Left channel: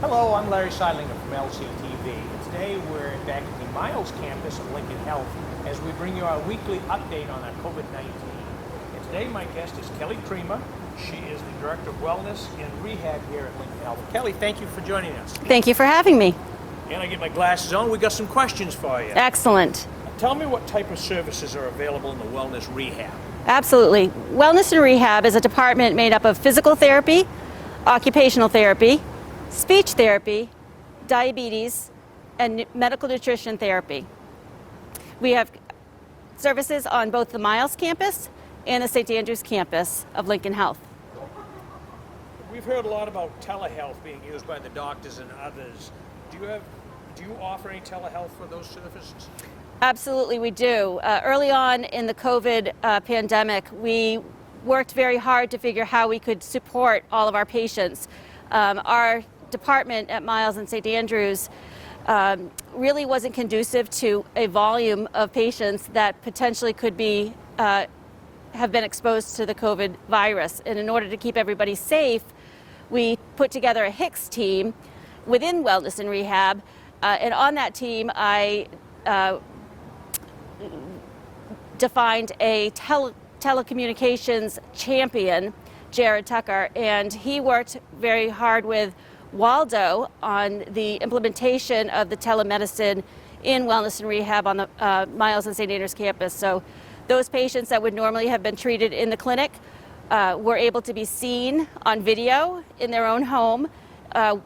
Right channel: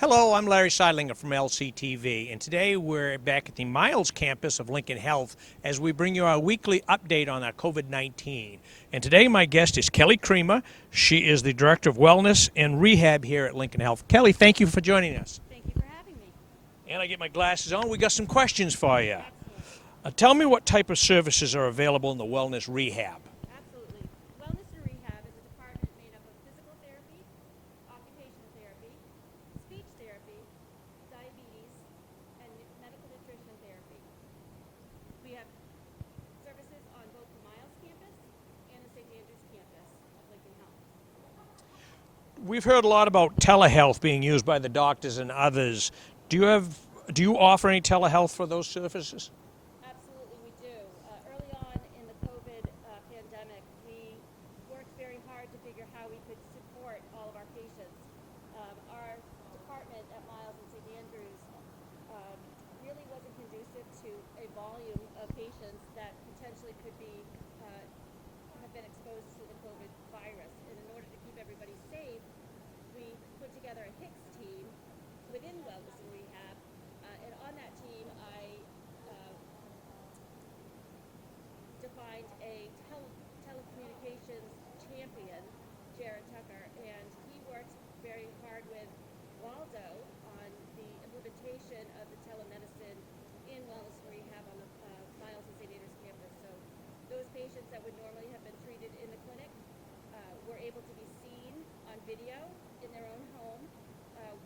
Hello, I'm Larry Seidlinger from LCTV, and today we're back at the Miles campus of Lincoln Health as we bring you our weekly update on our COVID-19. And today my guest is Kelly Creamer. She is the Director of Wellness and Rehab here at Lincoln Health. Kelly, thank you for joining us. Thank you for having me. And I get my glasses on. We got some questions for you. Excellent. Tell me what type of services are available in the Wellness Rehab. Absolutely. Wellness and Rehab is a department made up of physical therapy, occupational therapy, speech therapy, diabetes, and medical nutrition therapy. We have services on both the Miles campus and the St. Andrews campus of Lincoln Health. We've heard a lot about telehealth being used by the doctors and others. Do you offer any telehealth for those services? Absolutely, we do. Early on in the COVID pandemic, we worked very hard to figure how we could support all of our patients. Our department at Miles and St. Andrews really wasn't conducive to a volume of patients that potentially could be have been exposed to the COVID virus. And in order to keep everybody safe, we put together a HICS team within Wellness and Rehab. And on that team, I defined a telecommunications champion, Jared Tucker, and he worked very hard with Waldo on the implementation of the telemedicine in Wellness and Rehab on the Miles and St. Andrews campus. So those patients that would normally have been treated in the clinic were able to be seen on video in their own home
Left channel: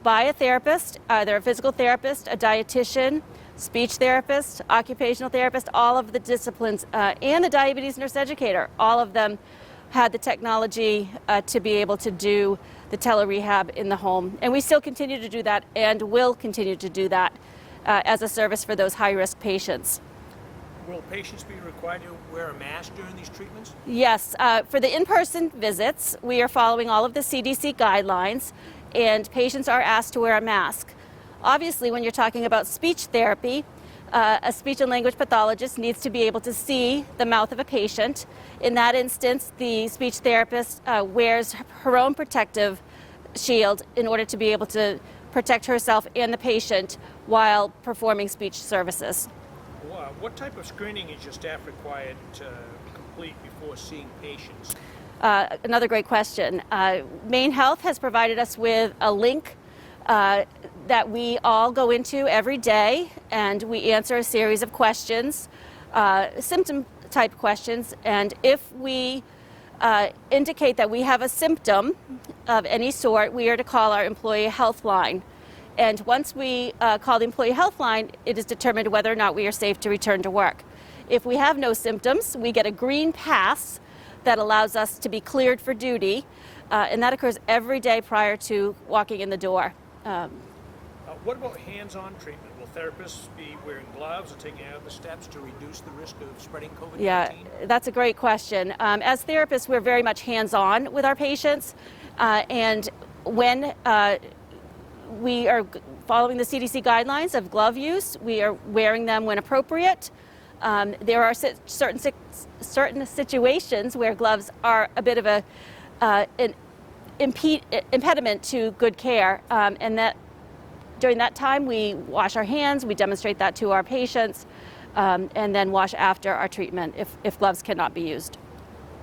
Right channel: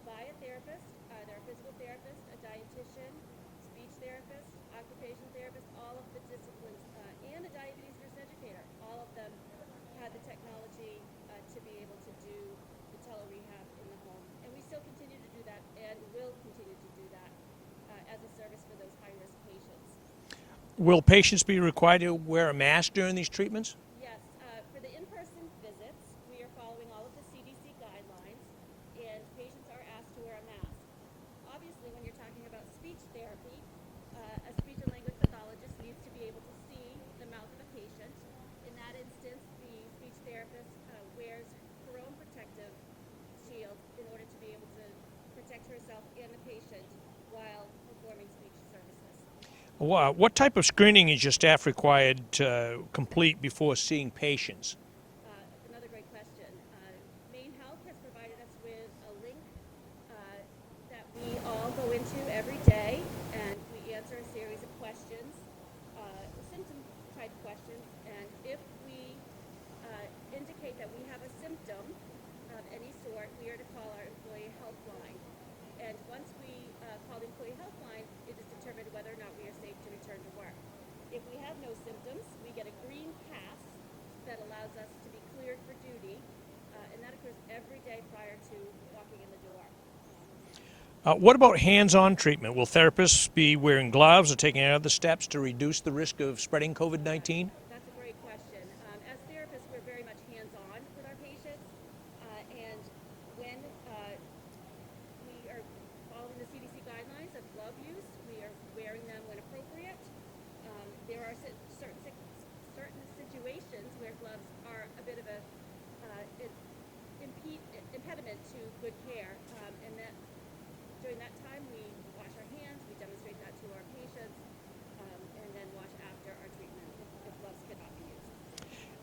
by a therapist, either a physical therapist, a dietitian, speech therapist, occupational therapist, all of the disciplines, and the diabetes nurse educator. All of them had the technology to be able to do the tele-rehab in the home. And we still continue to do that and will continue to do that as a service for those high-risk patients. Will patients be required to wear a mask during these treatments? Yes, for the in-person visits, we are following all of the CDC guidelines, and patients are asked to wear a mask. Obviously, when you're talking about speech therapy, a speech and language pathologist needs to be able to see the mouth of a patient. In that instance, the speech therapist wears her own protective shield in order to be able to protect herself and the patient while performing speech services. Wow. What type of screening is your staff required to complete before seeing patients? Another great question. Maine Health has provided us with a link that we all go into every day, and we answer a series of questions, symptom type questions, and if we indicate that we have a symptom of any sort, we are to call our employee health line. And once we call the employee health line, it is determined whether or not we are safe to return to work. If we have no symptoms, we get a green pass that allows us to be cleared for duty, and that occurs every day prior to walking in the door. What about hands-on treatment? Will therapists be wearing gloves or taking other steps to reduce the risk of spreading COVID-19? Yeah, that's a great question. As therapists, we're very much hands-on with our patients, and when we are following the CDC guidelines of glove use, we are wearing them when appropriate. There are certain situations where gloves are a bit of an impediment to good care, and that during that time we wash our hands, we demonstrate that to our patients, and then wash after our treatment if gloves cannot be used.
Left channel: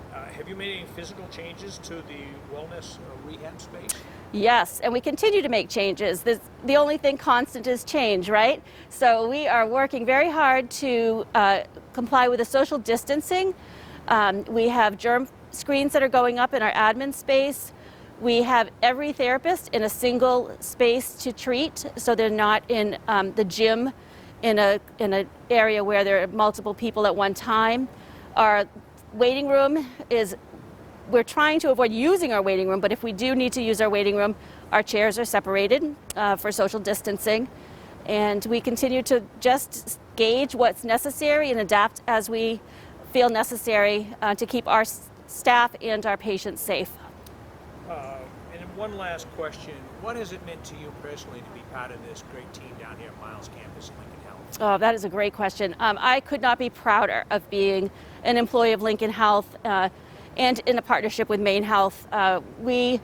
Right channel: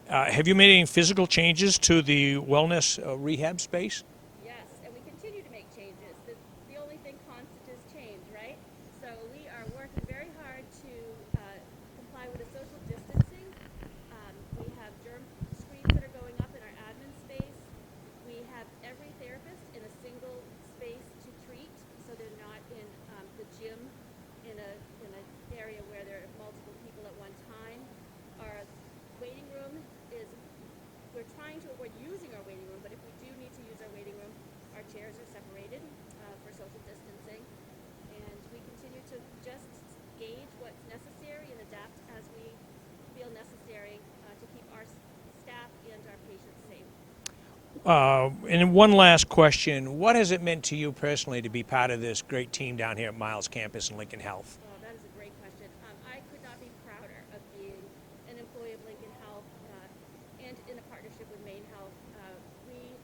Have you made any physical changes to the wellness rehab space? Yes, and we continue to make changes. The only thing constant is change, right? So we are working very hard to comply with the social distancing. We have germ screens that are going up in our admin space. We have every therapist in a single space to treat, so they're not in the gym in an area where there are multiple people at one time. Our waiting room is, we're trying to avoid using our waiting room, but if we do need to use our waiting room, our chairs are separated for social distancing. And we continue to just gauge what's necessary and adapt as we feel necessary to keep our staff and our patients safe. And one last question. What has it meant to you personally to be part of this great team down here at Miles campus in Lincoln Health? Oh, that is a great question. I could not be prouder of being an employee of Lincoln Health and in a partnership with Maine Health. We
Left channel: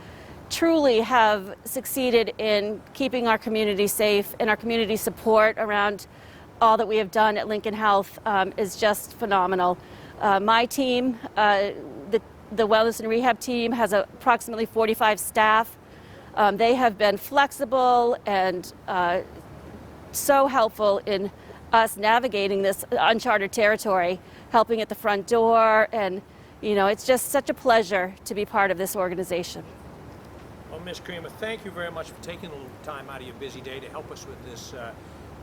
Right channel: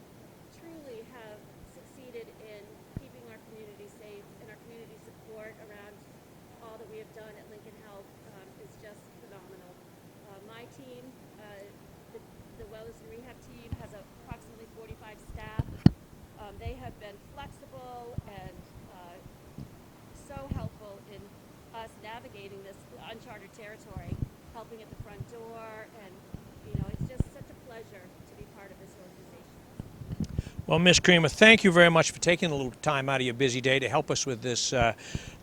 truly have succeeded in keeping our community safe, and our community support around all that we have done at Lincoln Health is just phenomenal. My team, the Wellness and Rehab team, has approximately 45 staff. They have been flexible and so helpful in us navigating this uncharted territory, helping at the front door, and it's just such a pleasure to be part of this organization. Well, Ms. Creamer, thank you very much for taking a little time out of your busy day to help us with this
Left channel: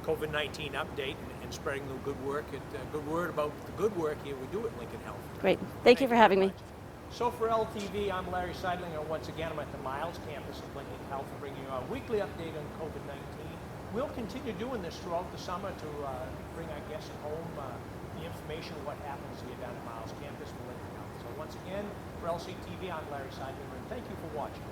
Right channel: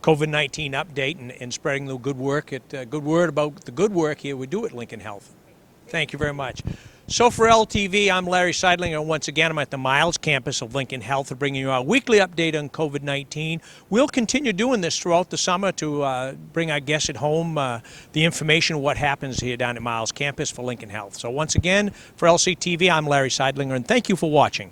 COVID-19 update and spreading the good work, good word about the good work here we do at Lincoln Health. Great. Thank you for very having me. much. So for LTV, I'm Larry Seidlinger, and once again I'm at the Miles campus of Lincoln Health and bringing you our weekly update on COVID-19. We'll continue doing this throughout the summer to bring our guests at home the information of what happens here down at Miles campus for Lincoln Health. So once again, for LCTV, I'm Larry Seidlinger, and thank you for watching.